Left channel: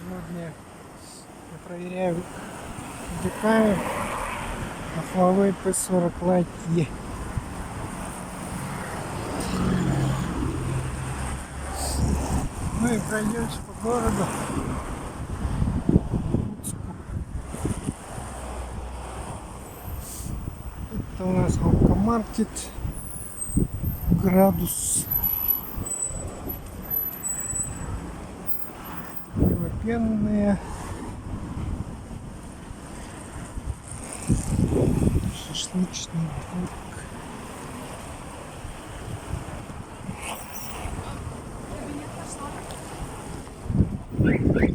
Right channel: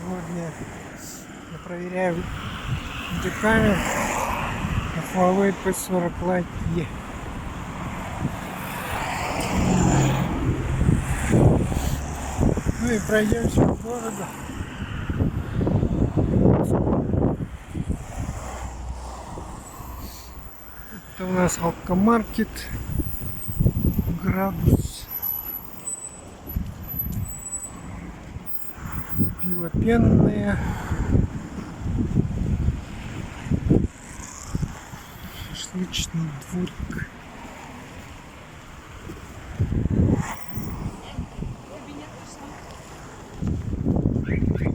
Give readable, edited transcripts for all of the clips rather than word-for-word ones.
Сегодня я проверяю декамер на Huawei P40 Lite E. Ну и пройдемся по городу. Это у нас Алкомаркет, Градус, пиво пенное, шашлычный дворик.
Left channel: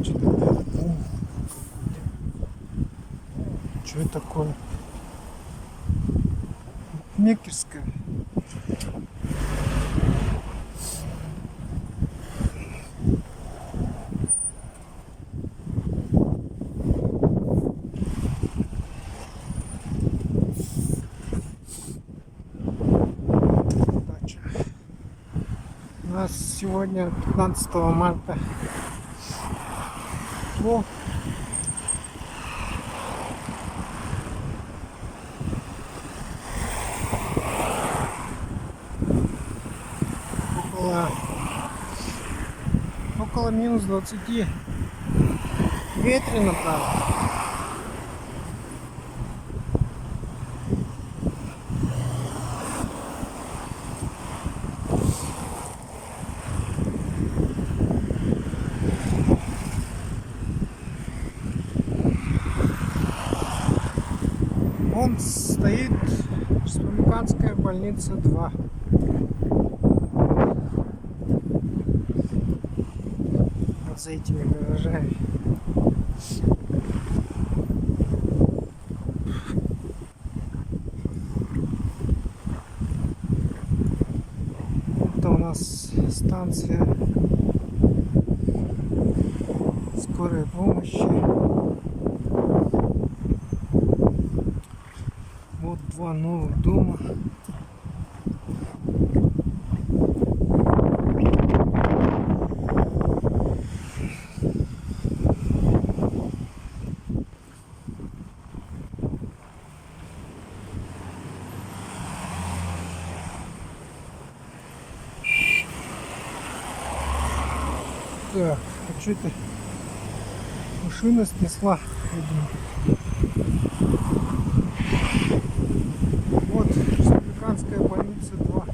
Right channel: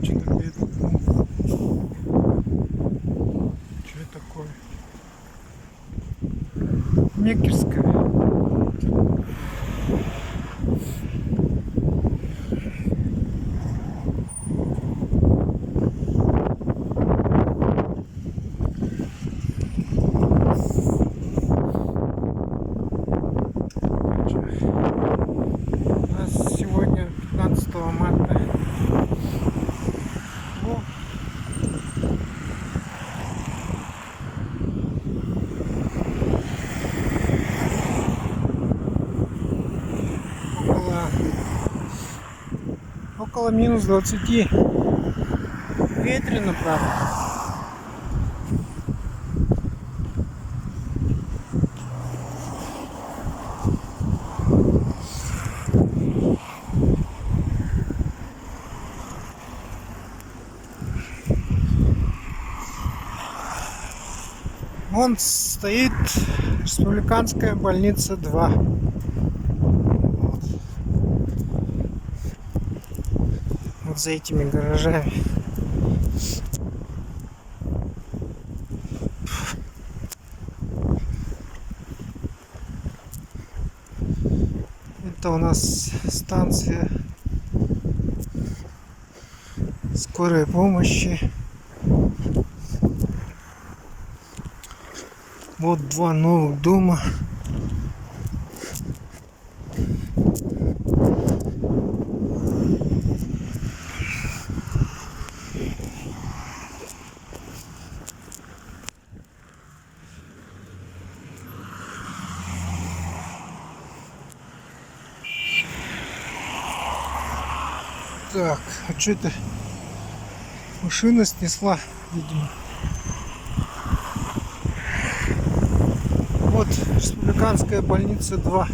Что-то где-то дым. Что это такое? Мекерская. У нас сегодня 15 марта. О, около минус 20. Ветрено, правда. Вон стоит Республиканская больница 2. Вот за этими гаражами. Это у нас станция скорой помощи. Вот два новых дома. Так, а что это? Машина снесла, видимо. Вот Республиканская больница 2.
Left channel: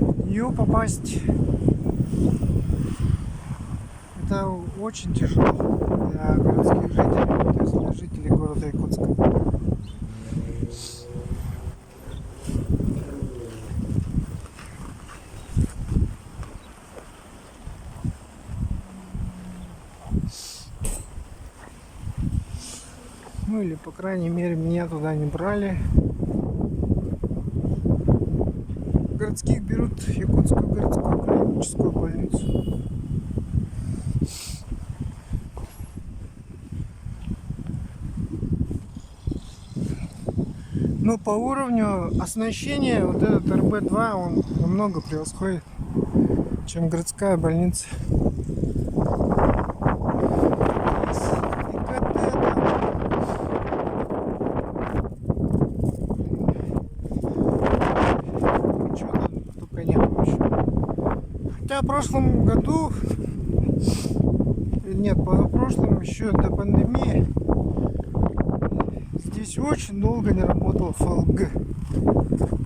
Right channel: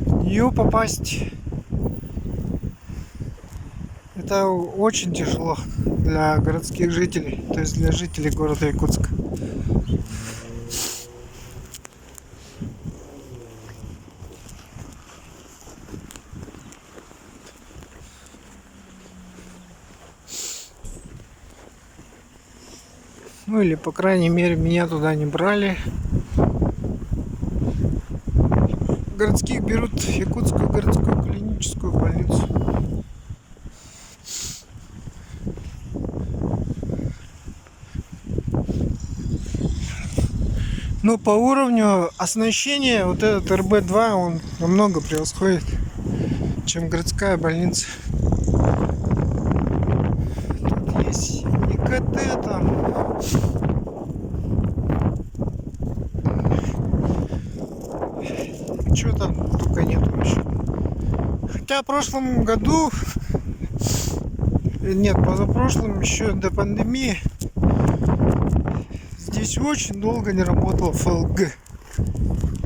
В нее попасть это очень тяжело для городских жителей, то есть для жителей города Якутска. Ну или по крайней мере меня туда не брали. Городских берут Якутскую городскую клиническую больницу. Но по уровню оснащения вот этот РБ-2 он намного превосходит, чем городская больница. Тут есть ИКТ там. Чего там только нет вообще. Хотя в прошлом году, нет, позапрошлом, еще до пандемии, здесь очень долго не работал ФЛГ.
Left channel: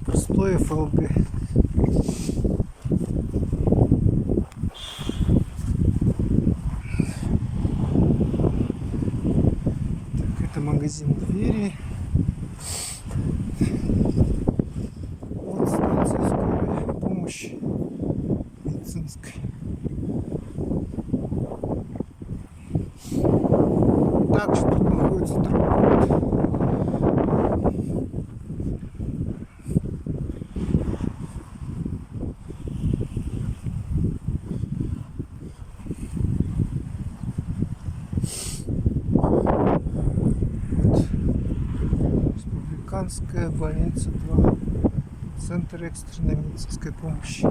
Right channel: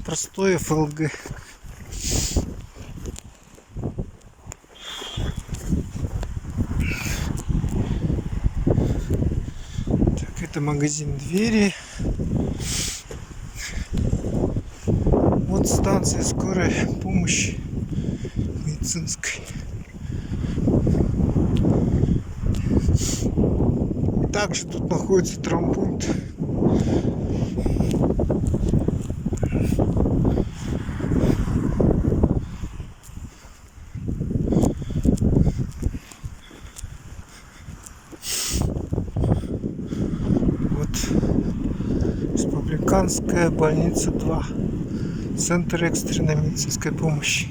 Простое ФЛГ. Так, это магазин двери. Вот станция скорой помощи медицинской. И также тут находится травмпункт. Вот Республиканская больница 2. Центр экстренной медицинской помощи.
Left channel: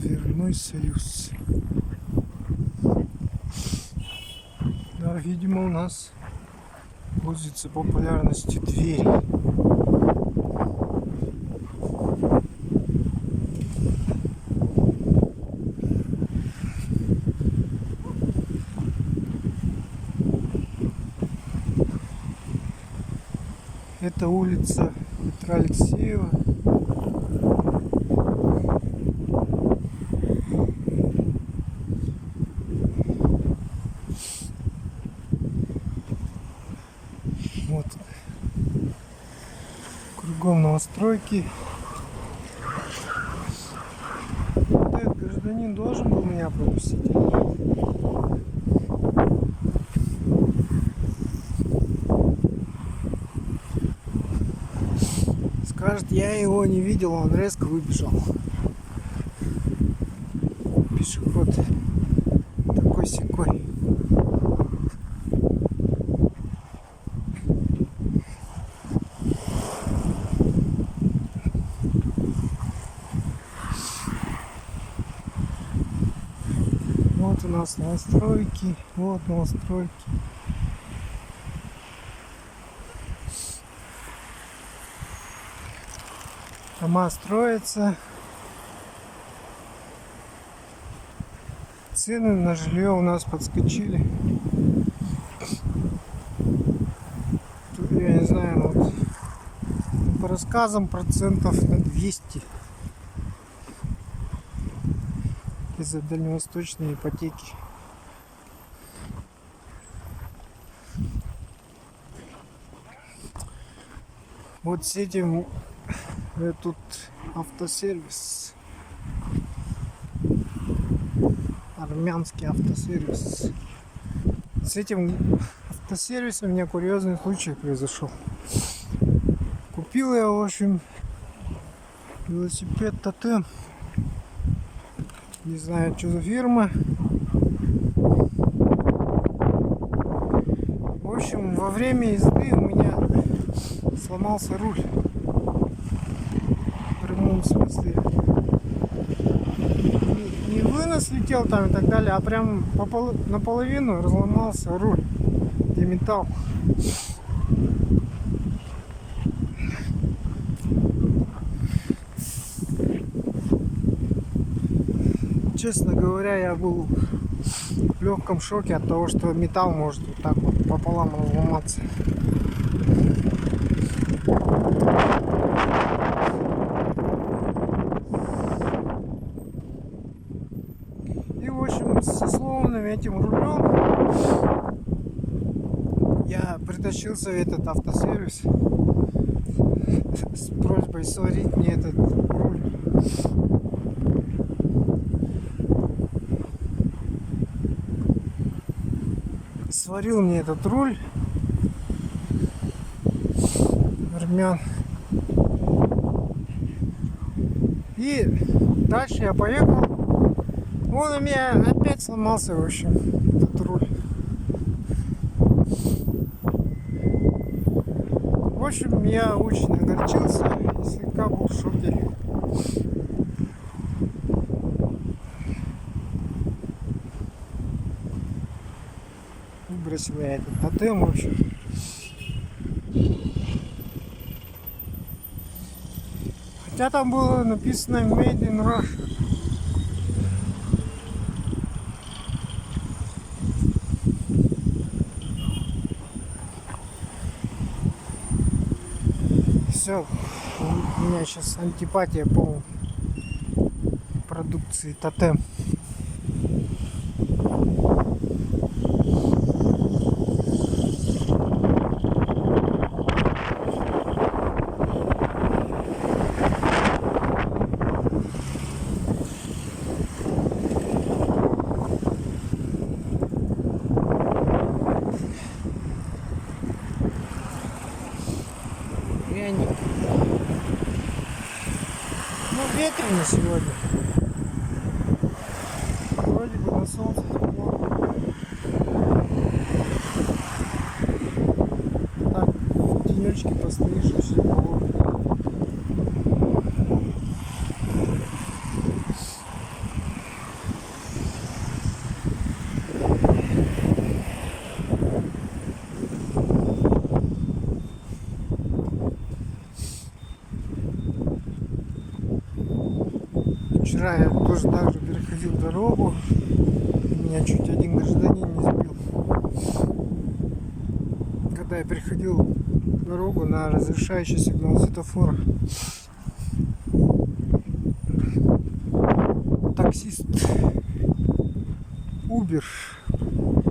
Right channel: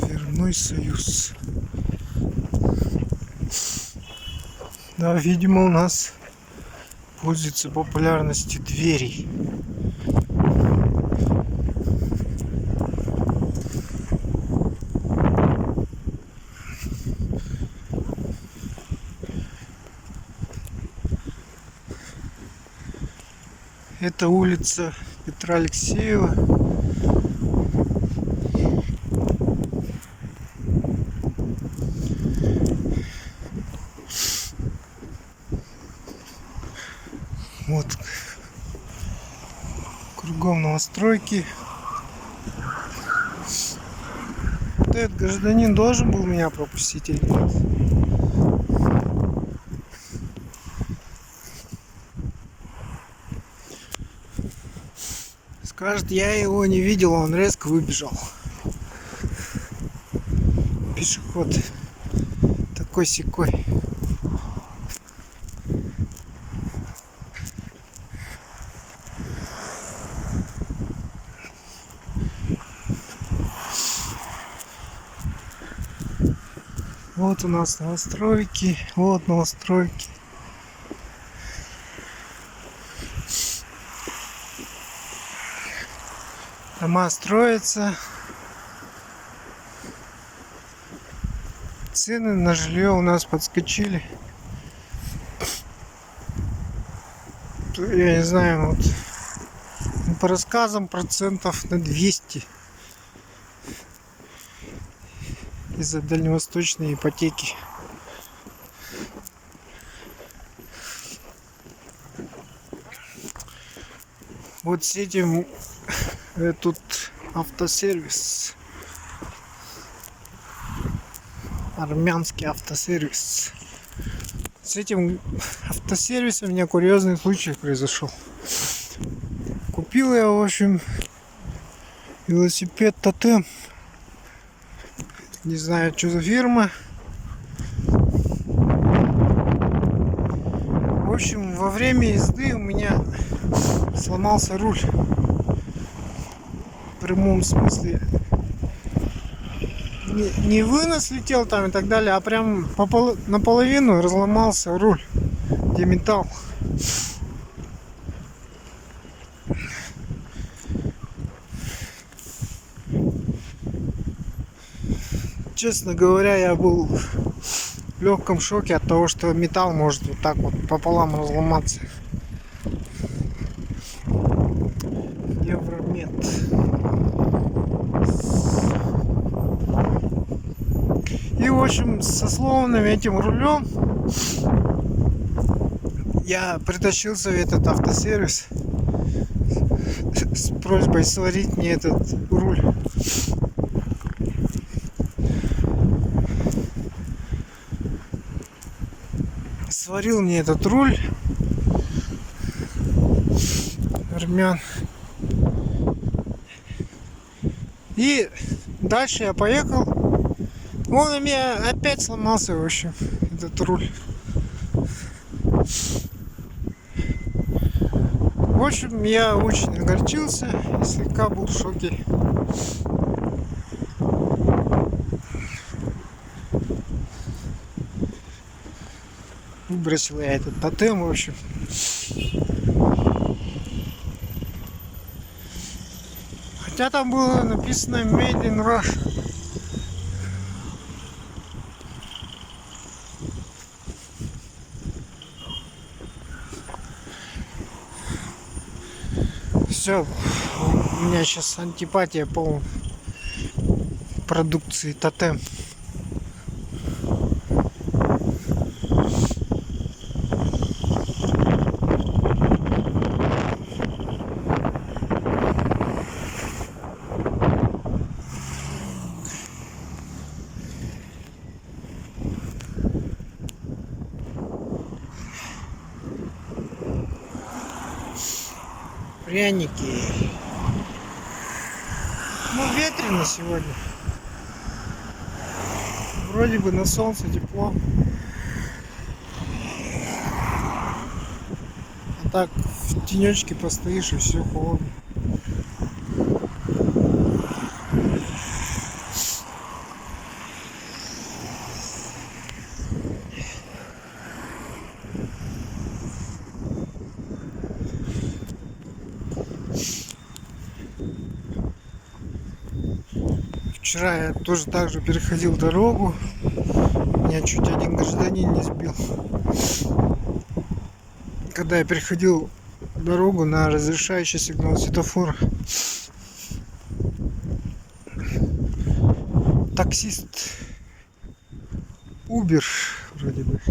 Дверной союз. Да, видимо, у нас пользуется популярностью двери. Это улица Петра Алексеева. Вот. Кругом новостройки. Вот этот гражданин должен был меня пропустить или нет? Скажет, я его не видел, он резко выбежал. Пешеход такой-сякой. Вот у нас новостройки, вот новостройки. Дома строятся. Цены на жилье у нас подскочили. Я не знаю, вот по рассказам процентов на 200 из-за дальневосточной ипотеки. Вот с этим тут автосервис. Армянский автосервис. С этим автосервисом у меня курьезный случай произошел. Купил я, в общем, велосипед Тотем. Не знаю, что за фирма. В общем, во время езды у меня сломался руль. В прямом смысле. Не вынос летел там и так далее, а прям наполовину разломался руль, где металл. Честно говоря, я был в легком шоке от того, что металл может вот так вот пополам разломаться. И в общем, со сломанным этим рулем я притащился в этот автосервис с просьбой сварить мне этот руль. Сварил мне этот руль армян. И дальше я поехал. Он у меня опять сломался, в общем, этот руль. В общем, я очень огорчился и слегка был в шоке. Выбросил я этот Тотем, в общем. Хотя там было написано Made in Russia. Все, у меня сейчас антипатия по продукции Тотем. Пряники. Ну, ветрено сегодня. Вроде бы на солнце тепло. так в тенечке постоишь и все холодно. Вчера я тоже так же переходил дорогу. Меня чуть один гражданин не сбил. Когда я переходил дорогу на разрешающий сигнал светофора. Таксист Uber вроде бы.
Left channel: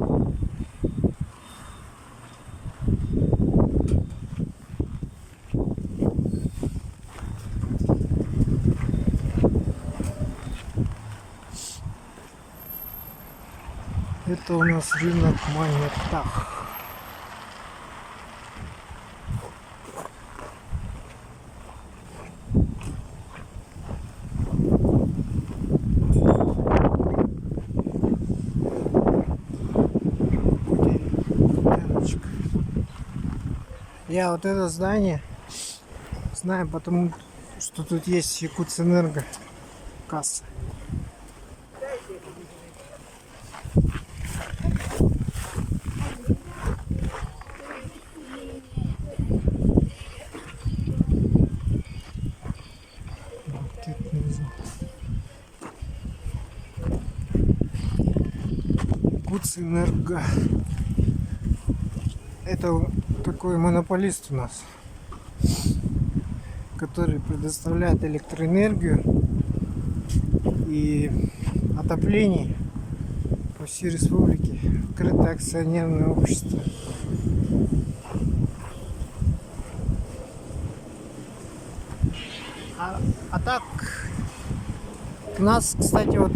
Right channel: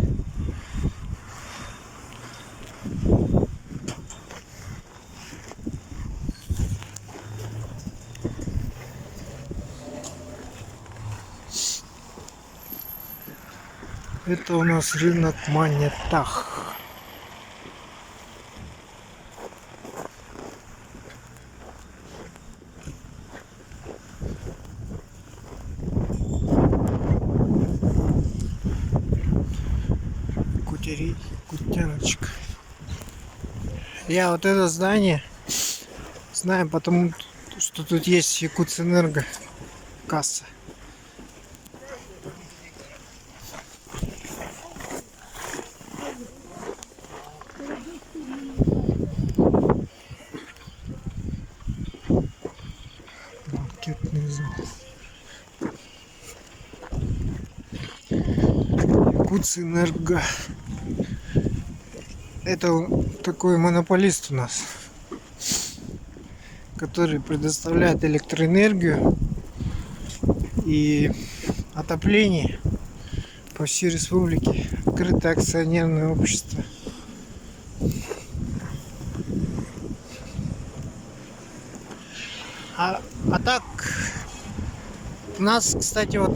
Это у нас рынок Монетах. Кутяночка. Я вот это здание знаю, потому что тут есть Якутэнерго касса. Банкетный зал. Якутэнерго. Это такой монополист у нас, который предоставляет электроэнергию и отопление по всей республике. Открытое акционерное общество. А так у нас, кстати, вот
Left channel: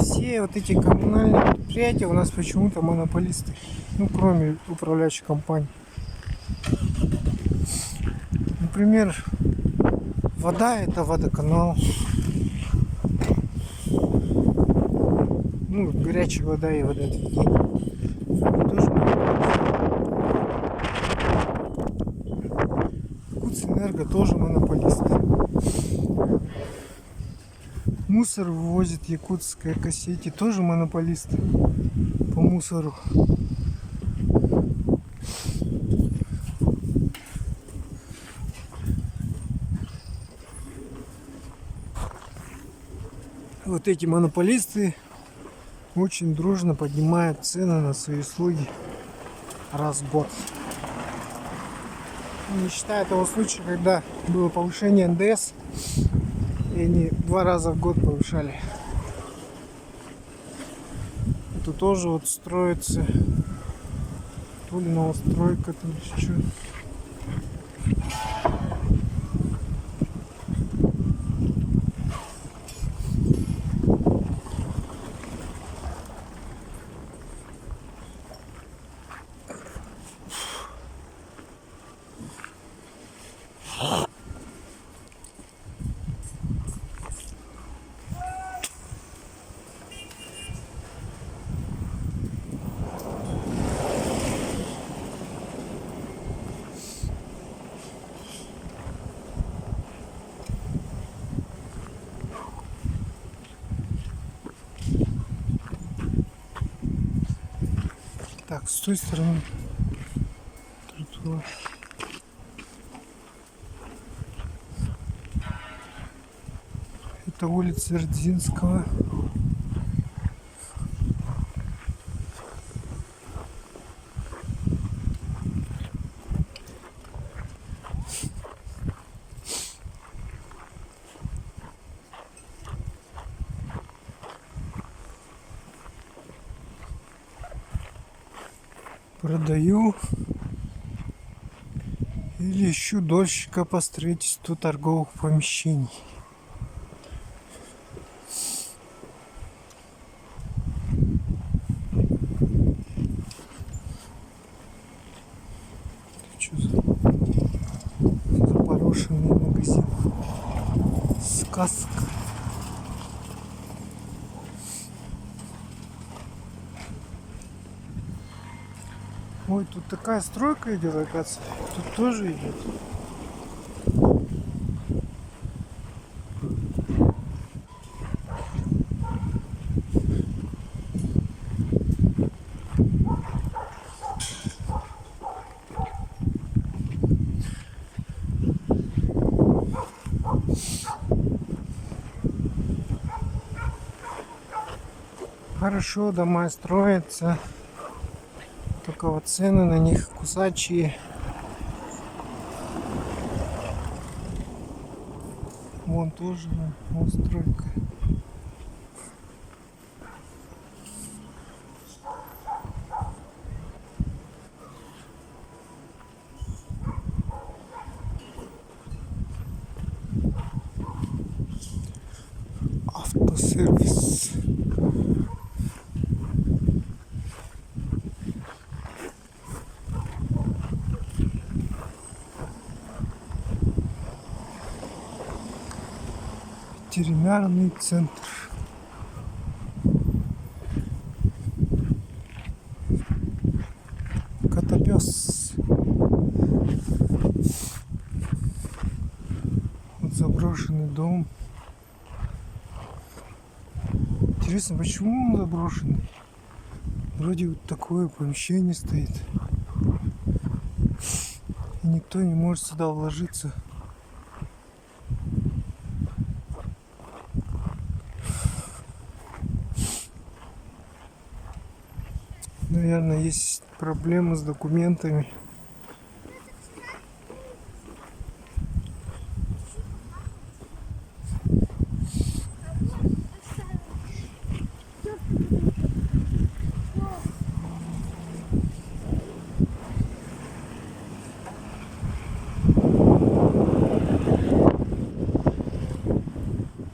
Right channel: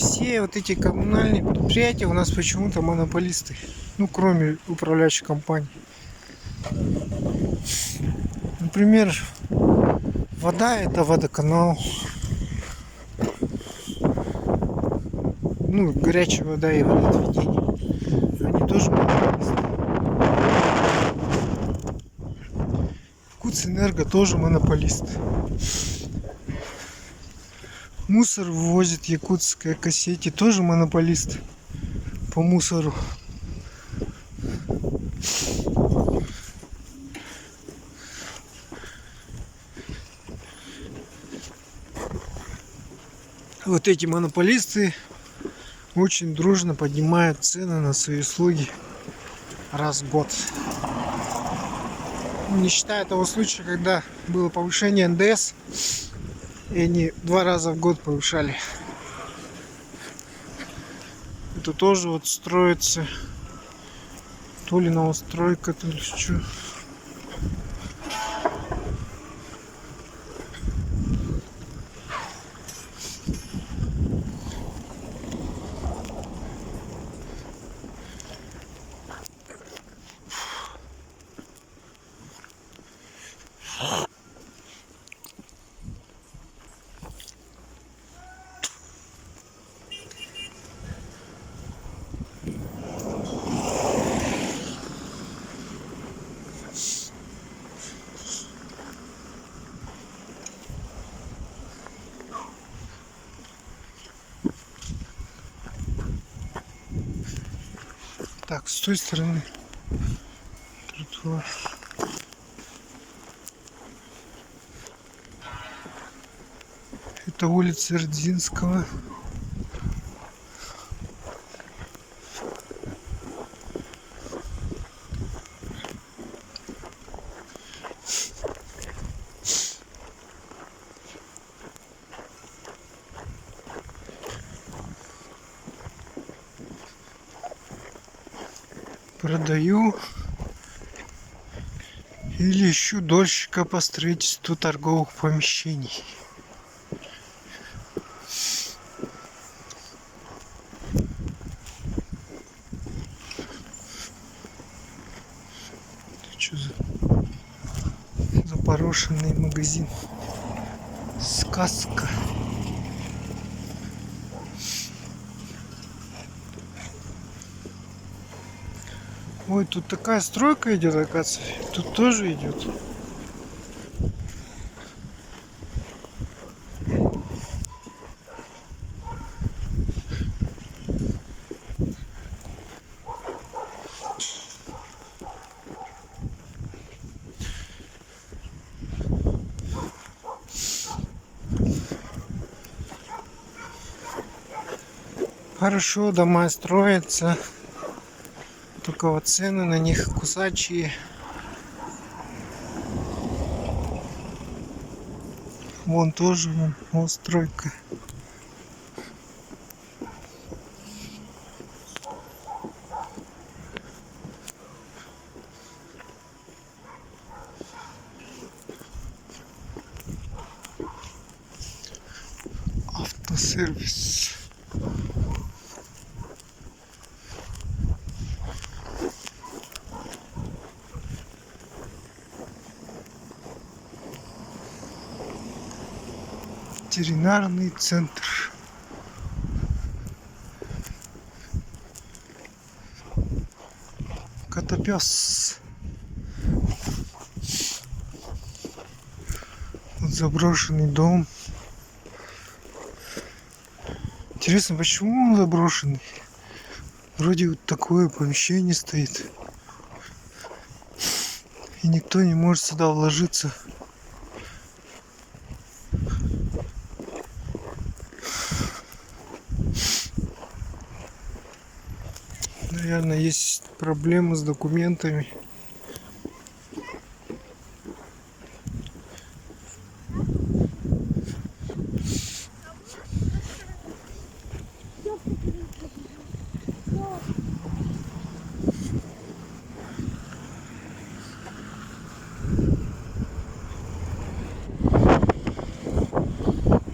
все вот эти коммунальные предприятия у нас почему-то монополисты. Ну, кроме управляющей компании. Например, вода — это водоканал. Ну, горячая вода и водоотведение. Они тоже монополисты. Якутэнерго тоже монополист. Мусор вывозит Якутская Экосети, тоже монополист по мусору. Вот эти монополисты очень дружно поднимают цены на свои услуги раз в год. Не считая того случая, когда было повышение НДС, и они 2 раза в год повышали. Это тоже вот строится, то ли новостройка, то ли что. Так, с той стороны тротуар. Это улица Рдзинского. Продаю или ищу дольщика по строительству торговых помещений. Что за запорошенный магазин? Сказка. Ой, тут такая стройка идет, оказывается. Тут тоже идет. Хорошо, дома строятся. Только вот цены на них кусачие. Вон тоже вон стройка. Автосервис. Ветеринарный центр. Котопес. Вот заброшенный дом. Интересно, почему он заброшенный? Вроде вот такое помещение стоит. И никто не может сюда вложиться. Наверное, есть проблемы с документами.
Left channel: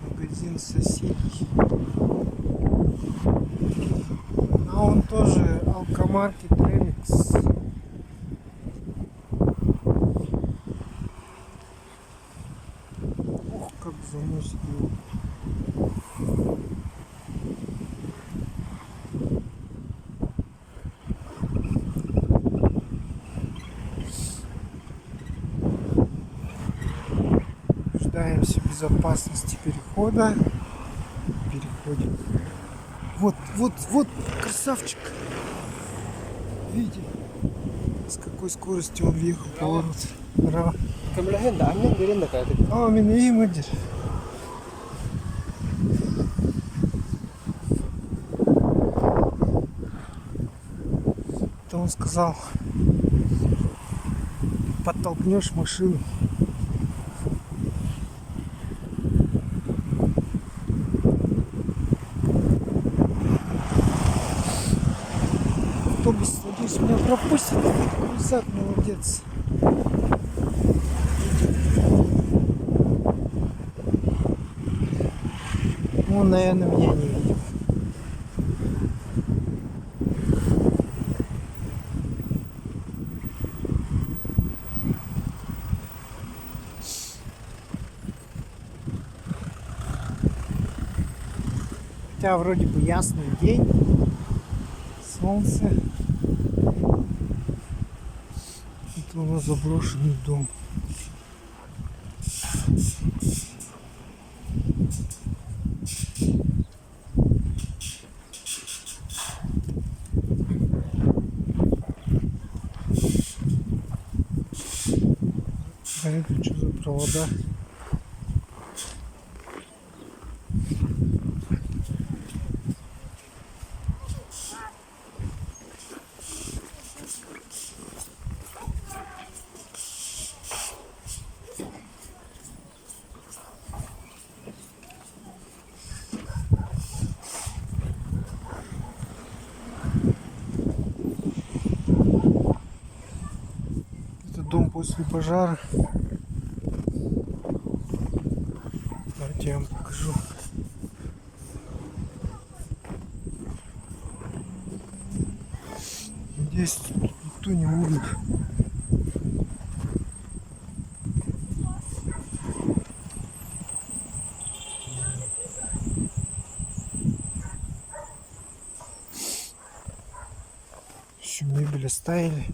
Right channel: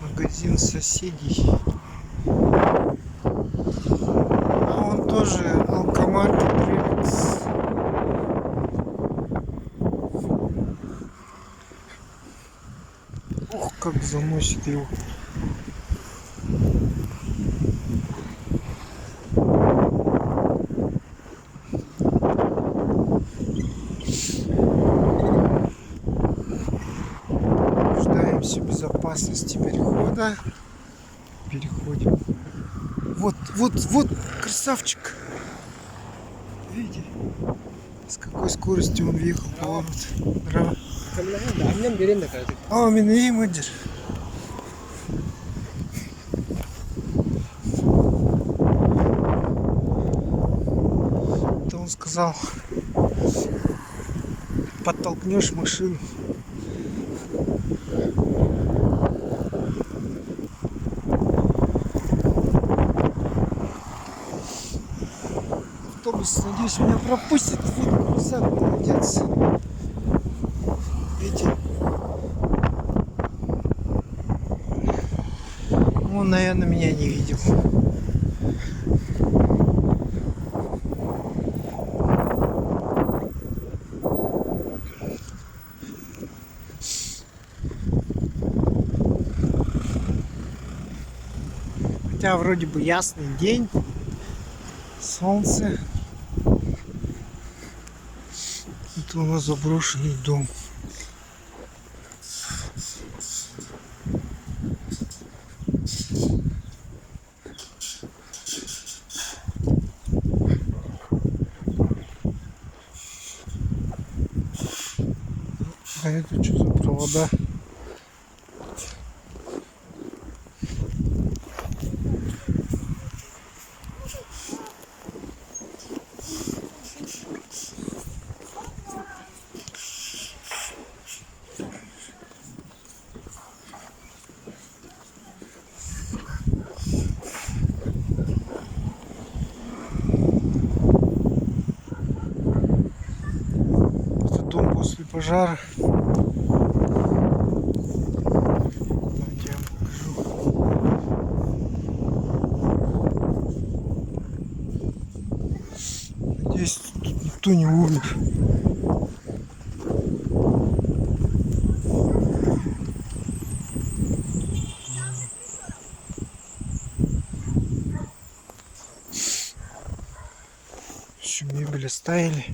Магазин соседей. А он тоже алкомат Премикс. Ух, как заносит его. Нуждаемся в безопасности перехода. Переходим. Вот, красавчик. Видите, с какой скоростью он въехал в поворот. Браво. А, меня мадир. Это он сказал, подтолкнешь машину. Автобус, надеюсь, меня пропустит. Назад, молодец. Видите? Он, наверное, меня не видел. Хотя вроде бы ясный день. Солнце. Это у нас заброшенный дом. А это что за провода? Дом после пожара. Давайте я вам покажу. Надеюсь, тут никто не умер. всю мебель оставили.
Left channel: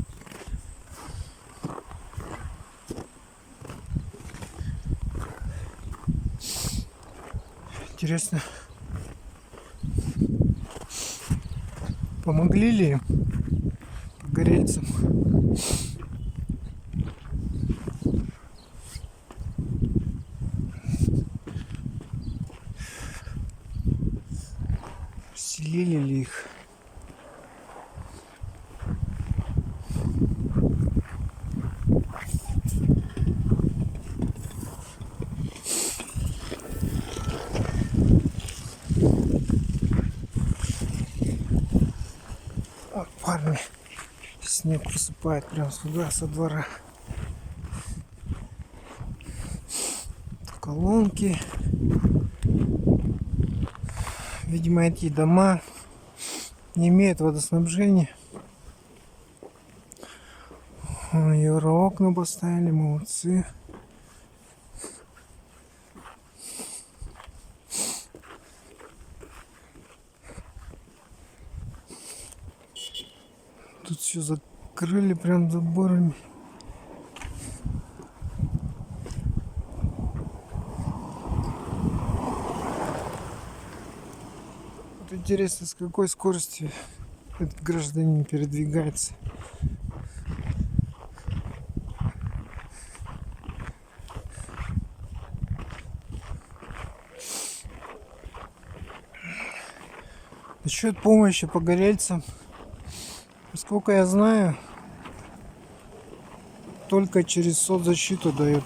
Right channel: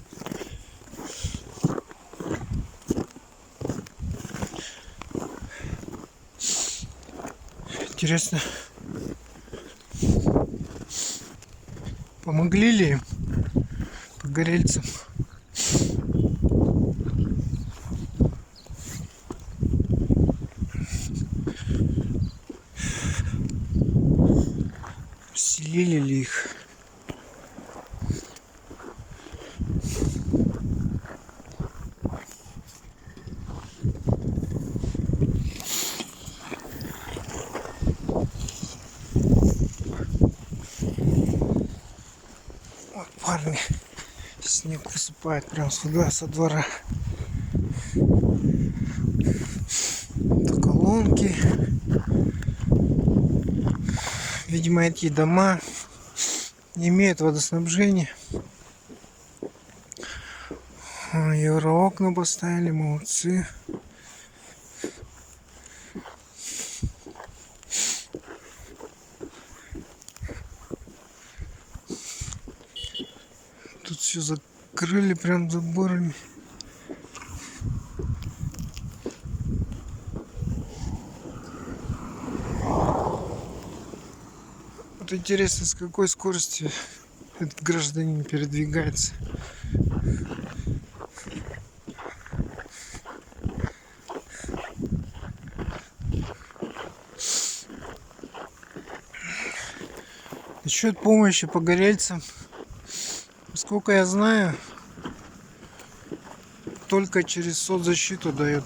Интересно, помогли ли им, погорельцам? Селили ли их? Вот парни, снег посыпает прям сюда, со двора. Это колонки. Видимо, эти дома не имеют водоснабжения. Евроокна поставили, молодцы. Тут все закрыли прям заборами. Вот интересно, с какой скоростью этот гражданин передвигается. Насчет помощи погорельцам, сколько я знаю, только через соцзащиту дают.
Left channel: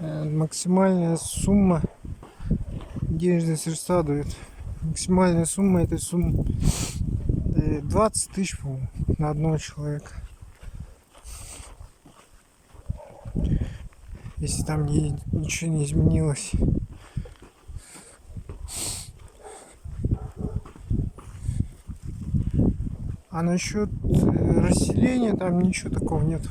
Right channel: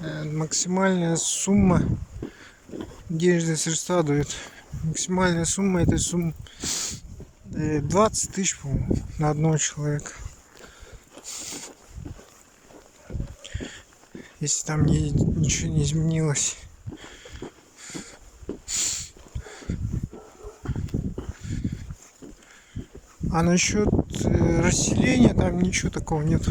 Максимальная сумма, денежные средства дают. Максимальная сумма этой суммы 20 тысяч, по-моему, на одного человека. Если там ничего не изменилось. А насчет расселения там ничего такого нет.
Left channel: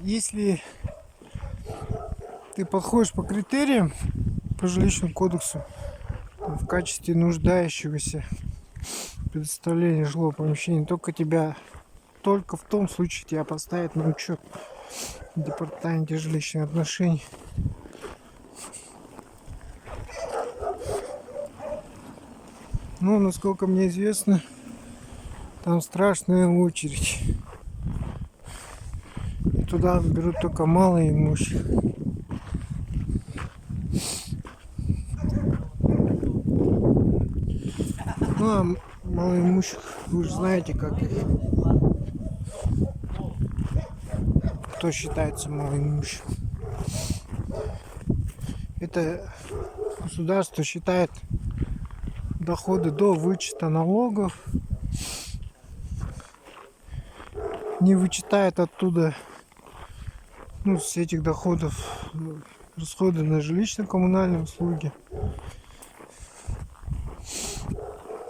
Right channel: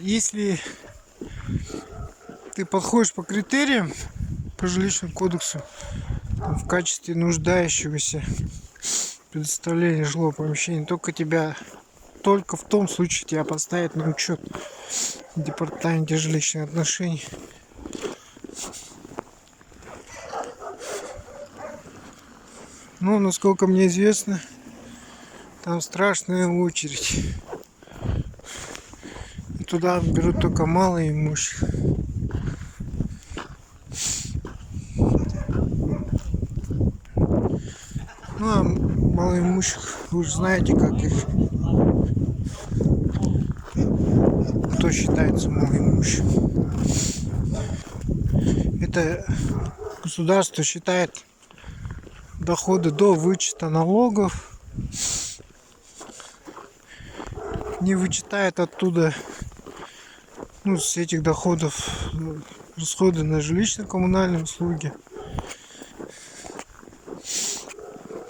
Если ты подходишь по критериям по жилищному кодексу в качестве нуждающегося предоставления жилого помещения, только в том случае тебя поставят на учет в департаменте жилищных отношений. Ну, насколько мне известно, там страшная очередь. И туда берут только малоимущих. Ну, а малоимущих, вы же знаете, как их, кто считается малоимущим. Это государство считает доходы до вычета налогов, не вычитает оттуда, ну, с этих доходов расходы на жилищно-коммунальные услуги.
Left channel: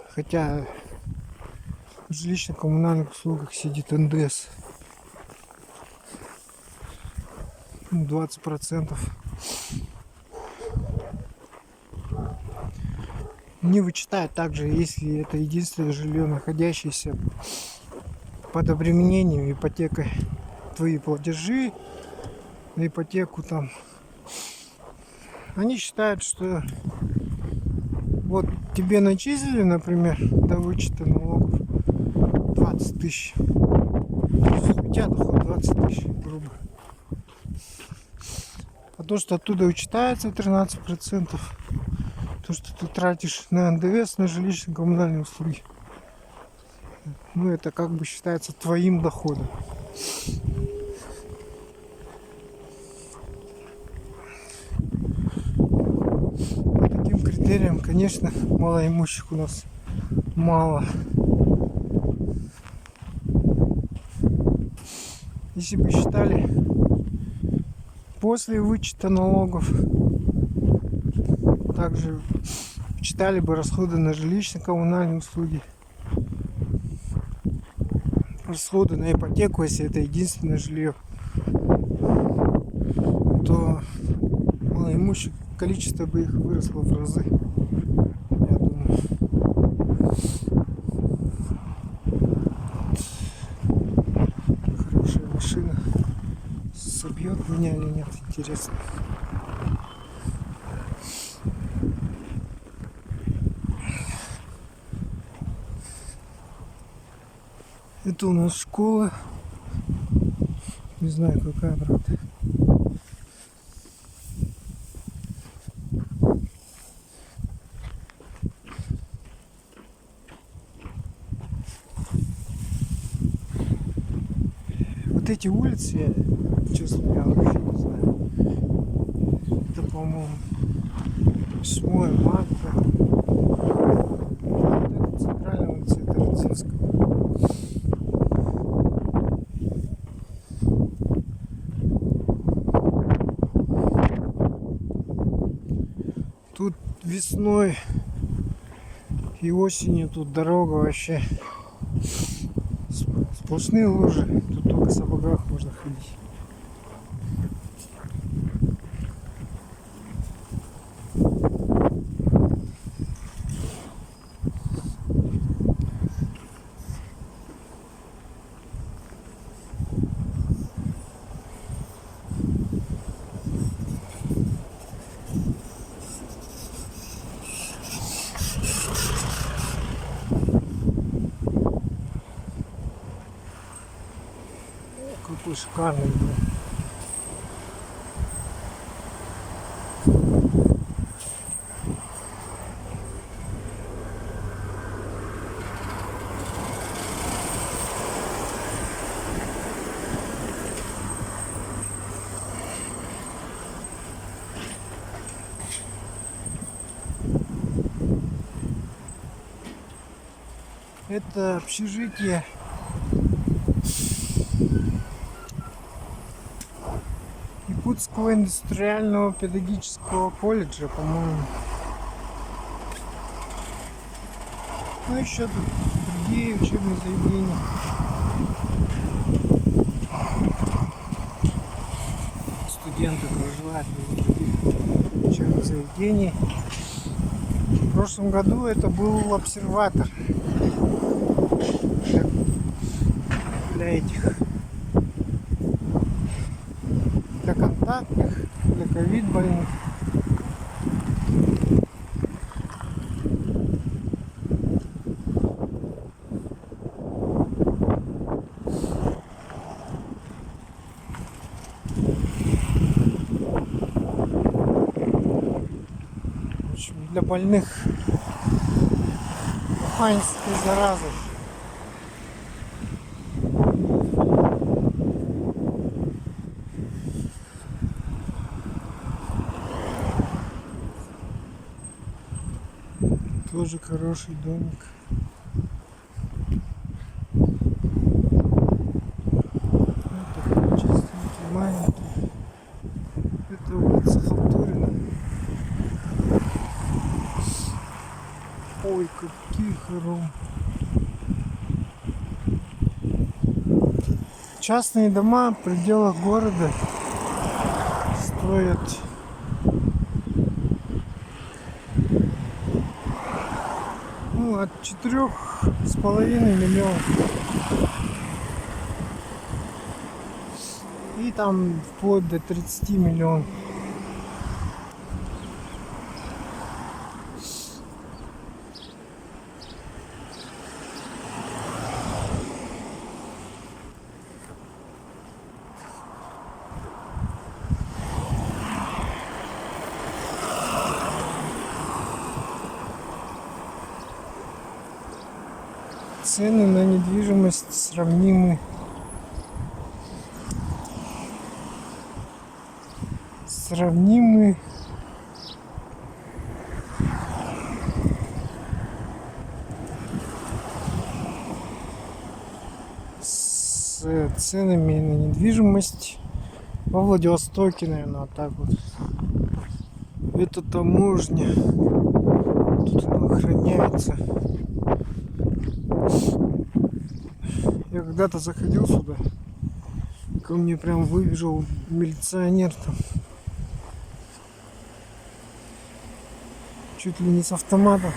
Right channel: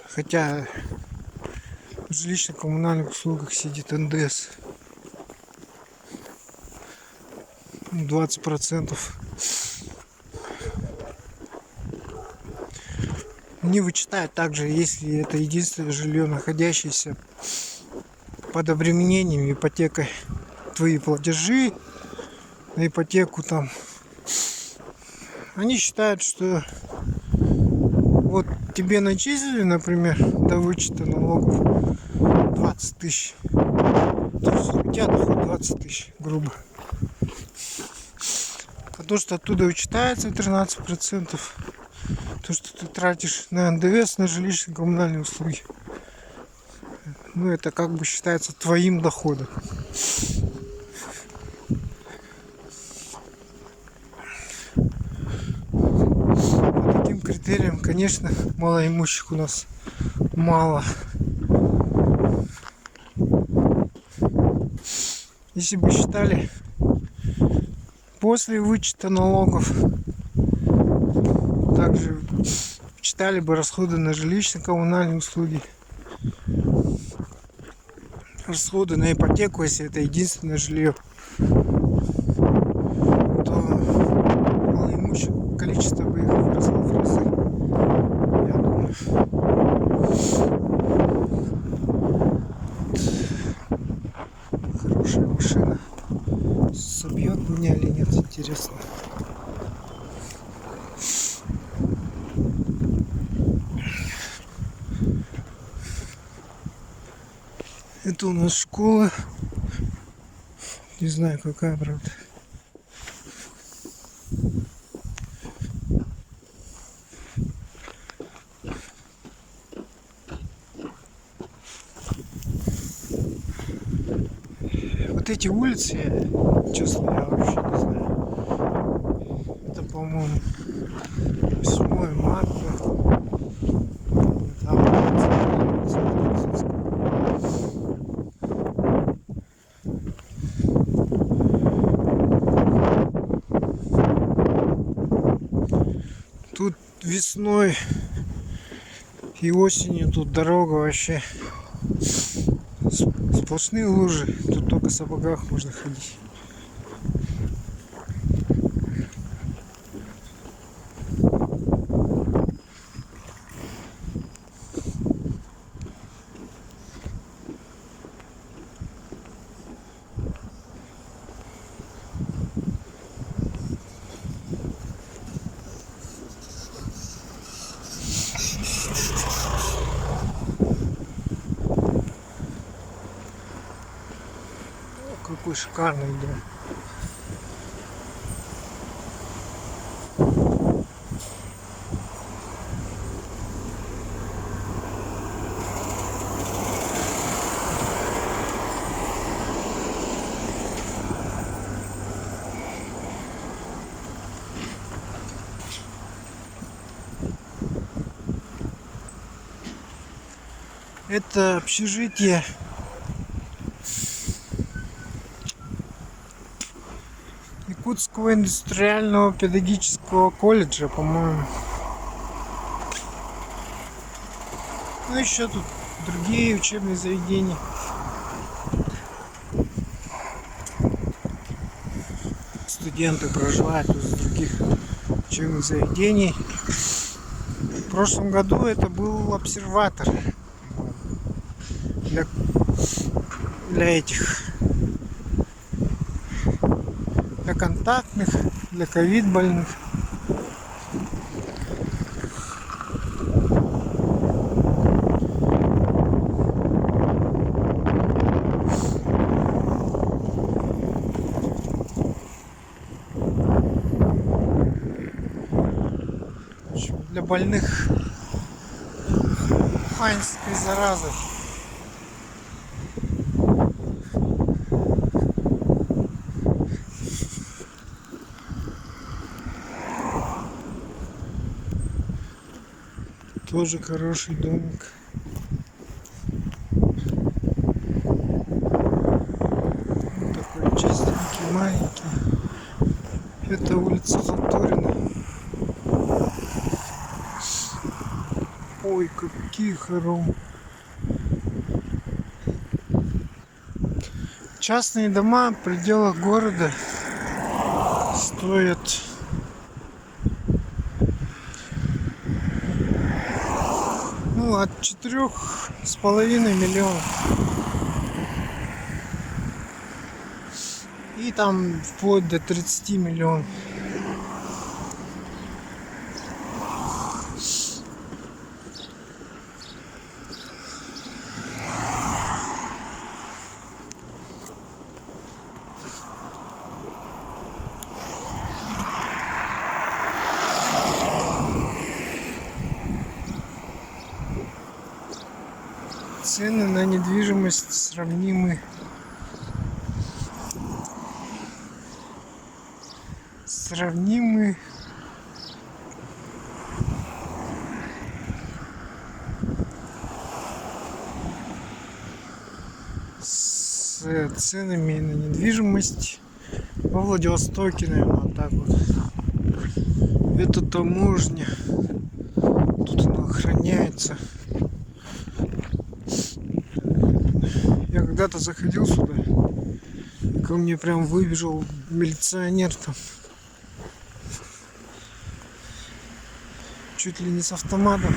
Хотя в жилищно-коммунальных услугах сидит НДС 20%. Не вычитает также, если это единственное жилье, находящееся под обременением ипотекой, твои платежи на ипотеку там. Они считают, что вот тебе начислили, например, до вычета налогов 20 тысяч. У тебя доход 20 тысяч, грубо. А то, что оттуда вычитается 13%, то, что ты тратишь на НДС, на жилищно-коммунальные услуги, ну, это как бы считается твоим доходом. По таким критериям, конечно, малоимущих у нас мало. Если бы считали после вычета налогов, также считали бы расходы на жилищно-коммунальные услуги, расходы на ипотеку, если это единственное жилье, то малоимущих количество бы их выросло в разы. меня или нет, интересно. Это у нас школа. Не знаю, какая, правда. Вот эти улицы, честно, я вообще не знаю. Это, по-моему, 8 марта. Там национальная улица Медицинская. Тут весной и осенью тут дорога вообще сплошные лужи. Тут только в сапогах можно ходить. Какой шикарный дом. Это общежитие Якутского индустриального педагогического колледжа, по-моему. Ну, еще тут другие учебные заведения. Студенты проживают из других учебных заведений. В прошлом году это был обсерватор для этих, для контактных, для ковид больных. Для больных уханьской заразой. Тоже хороший домик. Вот такой чистенький, маленький. Это улица Халтурина. Ой, какие хоромы. Частные дома в пределах города стоят от 4,5 миллионов. И там вплоть до 30 миллионов. Цены на недвижимость сравнимы с ценами на недвижимость во Владивостоке, наверное, вот так вот. Это таможня. Тут она охраняется. Я когда-то заходил сюда, и ко мне прям выбежал милиционер там. Чуть ли не с автоматом.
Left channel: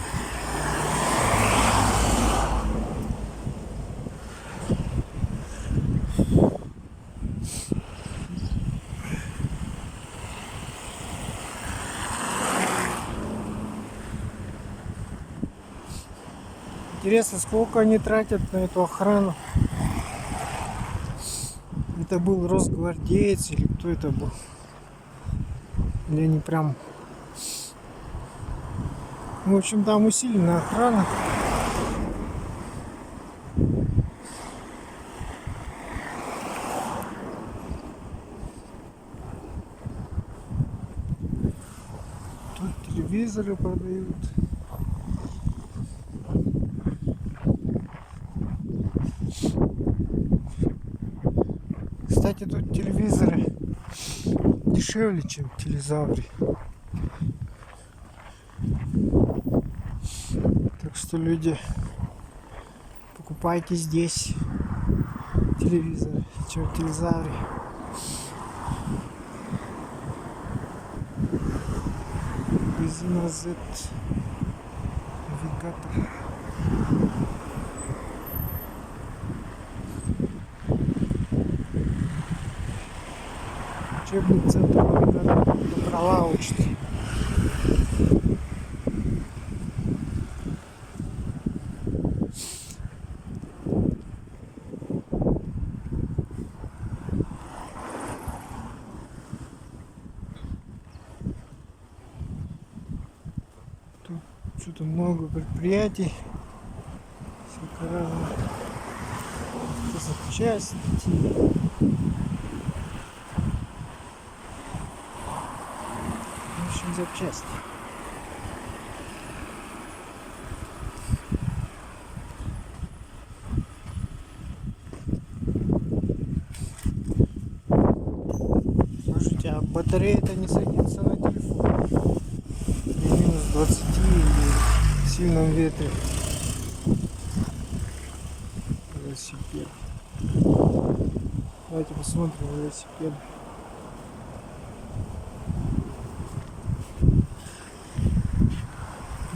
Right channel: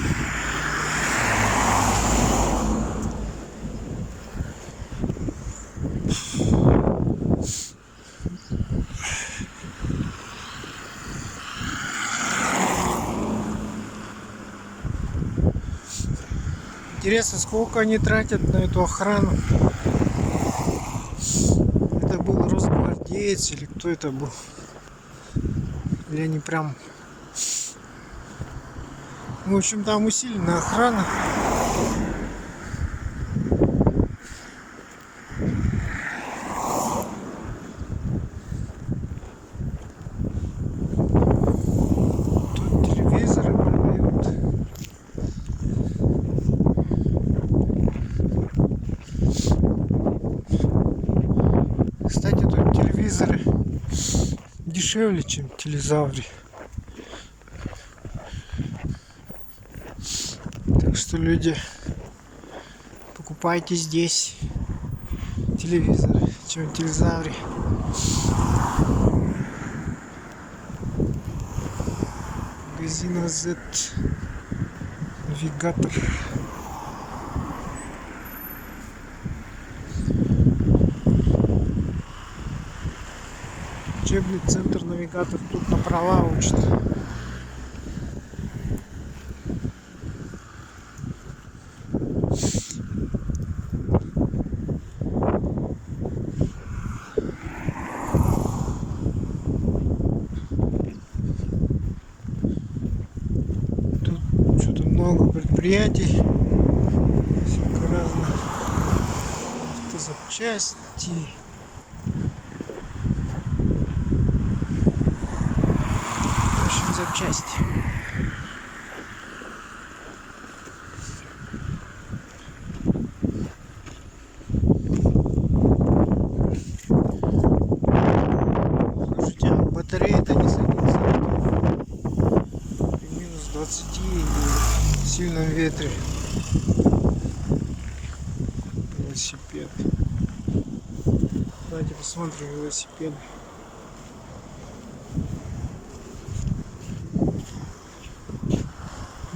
Интересно, сколько они тратят на эту охрану? Это был росгвардеец или кто это был? Или они прям... В общем, там усиленная охрана. Тут телевизоры продают. Кстати, тут телевизоры дешевле, чем в телезавре. Так что, люди, покупайте здесь телевизоры, чем в телезавре. Магазин Z навигатор. Учебный центр навигатор тут на права учат. Тут что-то много предприятий, всяко разных автозапчасти. В общем, запчасти. Слушайте, а батарея-то не садится. Минус 20 или в сильном ветре. Велосипед. Давайте посмотрим велосипед.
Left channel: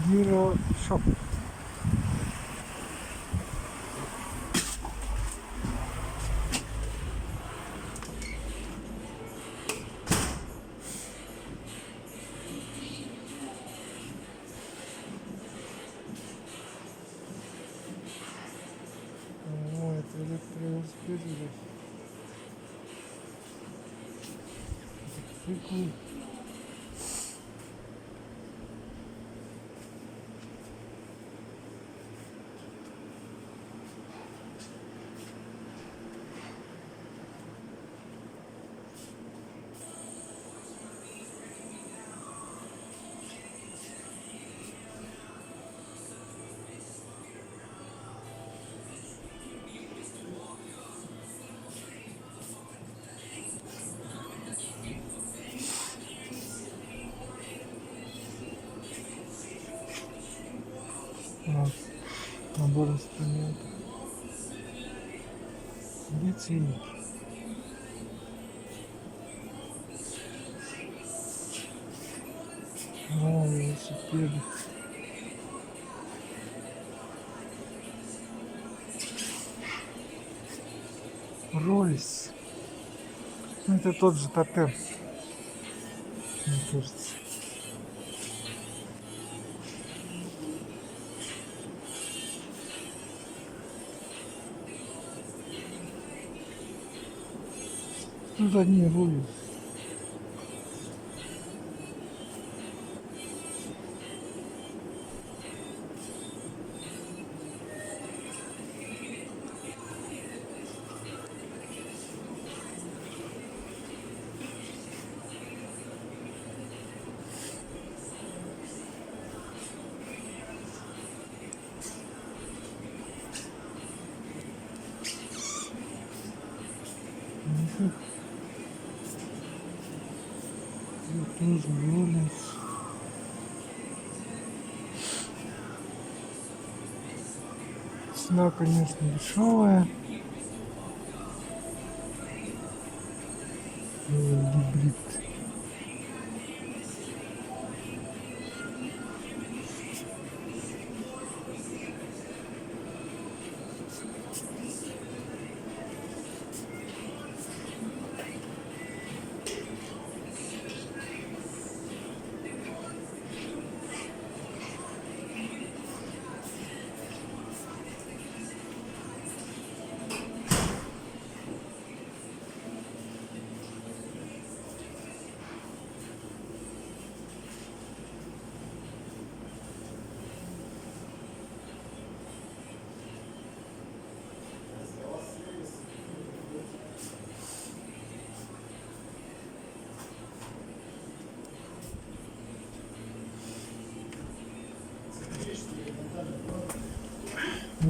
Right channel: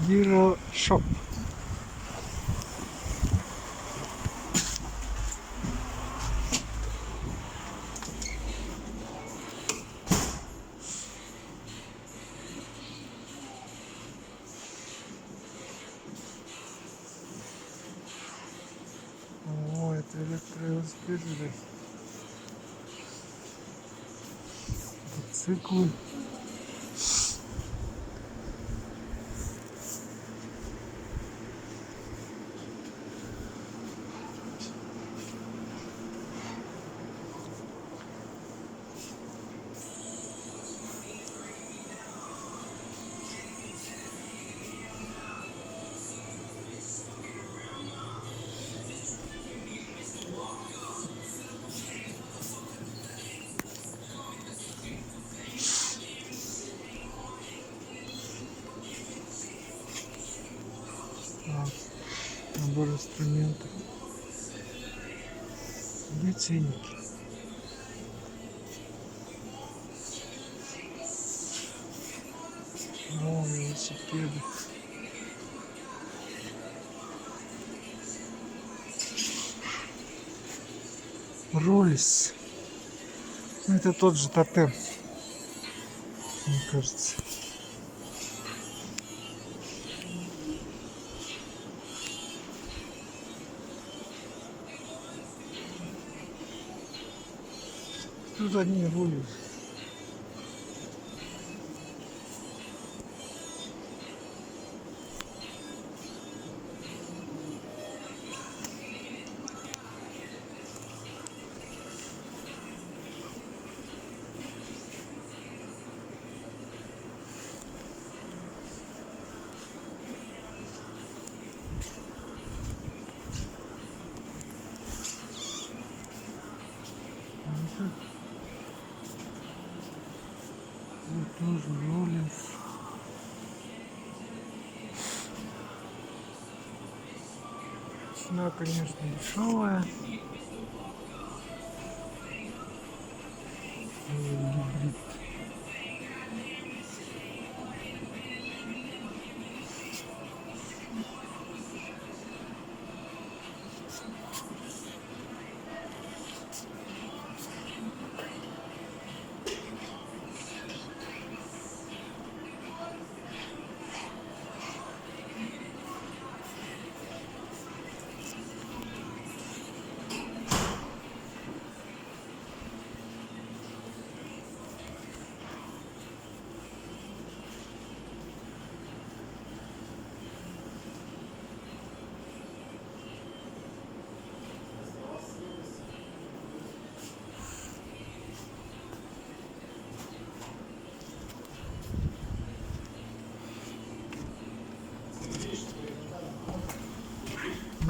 Hero Shop. О, это электровелосипед. Мотоциклы. Вот, набор инструментов. Где ценники? О, велосипеды. Роллис. Ну, это тот же тотем, мне кажется. Тут одни рули. Вот тоже Роллинс. Цена, конечно, дешевая. Гибрид.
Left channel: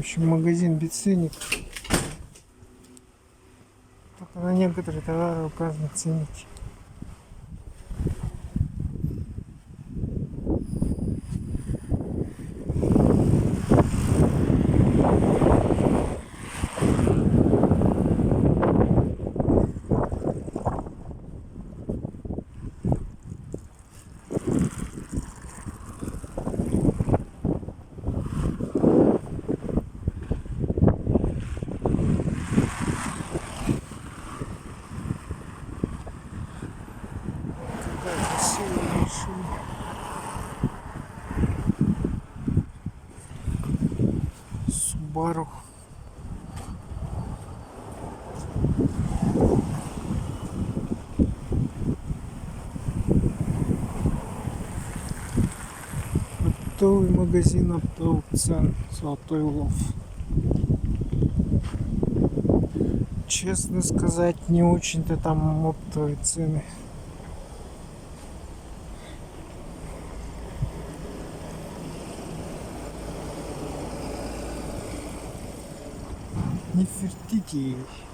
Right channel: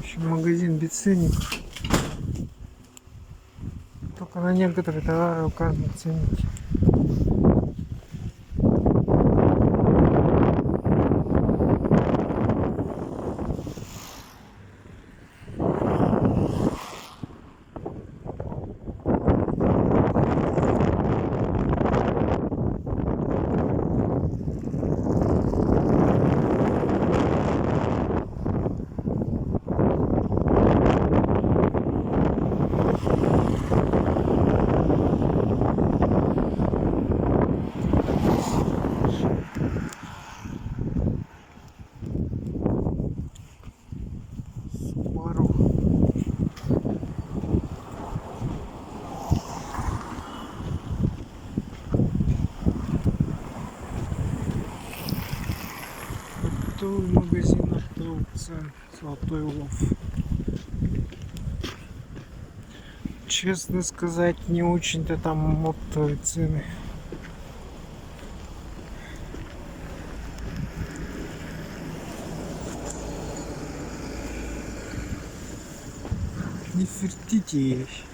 общем, магазин без ценников. Только на некоторые товары указаны ценники. Subaru. Оптовый магазин оптовых цен, Золотой Лов. Честно сказать, не очень-то там оптовые цены. Нефертити есть.